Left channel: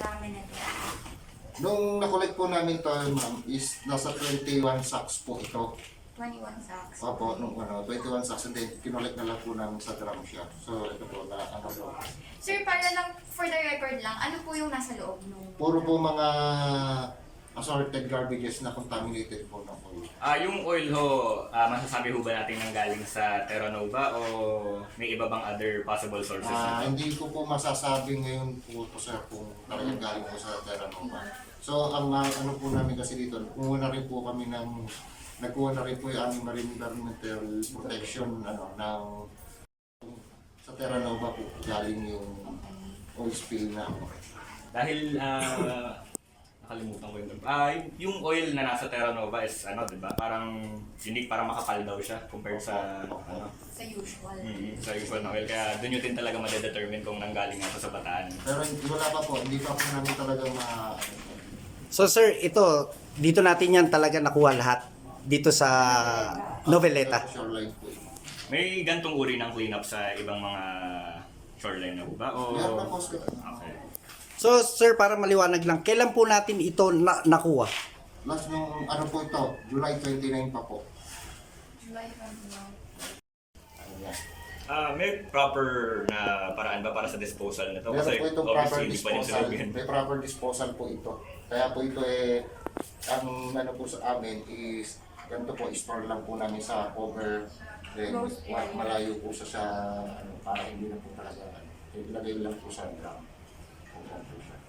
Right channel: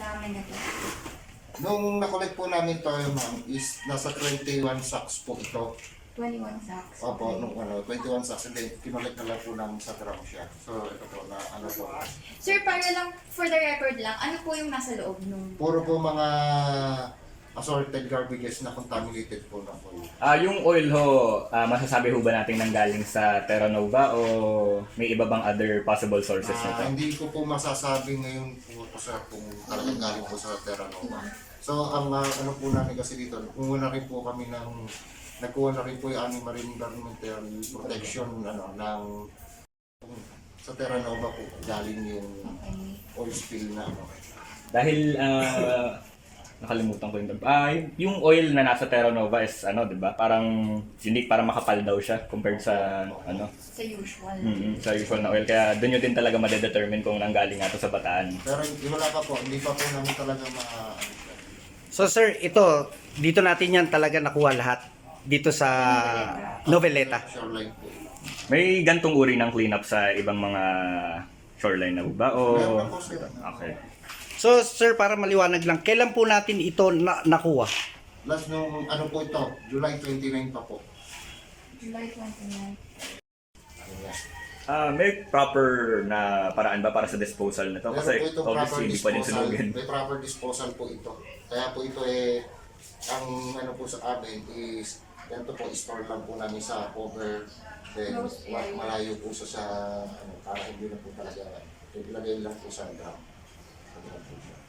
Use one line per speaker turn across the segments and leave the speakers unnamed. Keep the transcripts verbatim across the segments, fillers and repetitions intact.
dami na to?
Nung nakolek po namin to, ma'am, is nasa twenty-one sacks po ito.
twenty-one sacks.
Opo, nung ano, twenty-one sacks, and then kinolek na lang po namin sa drum siya. So, ito po na ano po.
Sir, para lang, for the record lang, ano po yung nasa loob nung...
Puro po mga assorted garbages na contaminated po ng oil.
Ah, yung oil ho, ah, masasabi ho ba natin nanggaling sa Terra Nova o may iba bang other possible sources
Ah,
nito?
hindi ko po masasabi ngayon po po sir kung talagang galing po sa Terra Nova. So ang ah, ano po namin kasi dito, kumuha na rin po kami ng nagkuha na rin po yung aming marine environmental protection ano ng sa Terra Nova po galing yung
Okay.
oil spill na ano.
Dahil ah, nakalimutan ko yung ah, yung oil na nasa Terra Nova is ano, 'di ba? Parang unique, parang makapal daw siya compared sa ano,
Sa usual.
mm, sa usual na oil. Kaya doon nyo din talaga ma-determine kung nanggaling nga to sa Bataan.
Pero hindi wala pa po, hindi pa po namin talaga ma
So sir, ito, dito natin yan talaga nakuha lahat. Dito sa Noveleta.
shoreline po.
May gantong uri ng cleanup sa ibang mga shoreline na ba? O...
Meron na po sir.
Okay.
So sir, para maliwanag lang, kailan po natin ito na nakuha?
Last nung ano po ito, July twenty-nine pa po.
July twenty-nine.
Ayan.
Ah, may proper na paraan ba para sa disposal nito?
Meron
Kasi
po itong proper
obviously hindi pa din
disposal.
sunugin.
May proper disposal po ito. Kaya po ito eh, ang ano po sa amin is, ganito po, store lang po namin sa cover. Then,
Closed
wa-
area.
malayo po siya sa, ano, para hindi na po talaga, ilagay lang po sa drum. Ganyan po siya.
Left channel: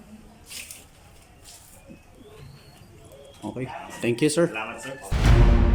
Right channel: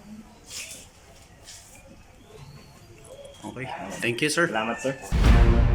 Okay. Thank you sir.
Salamat sir.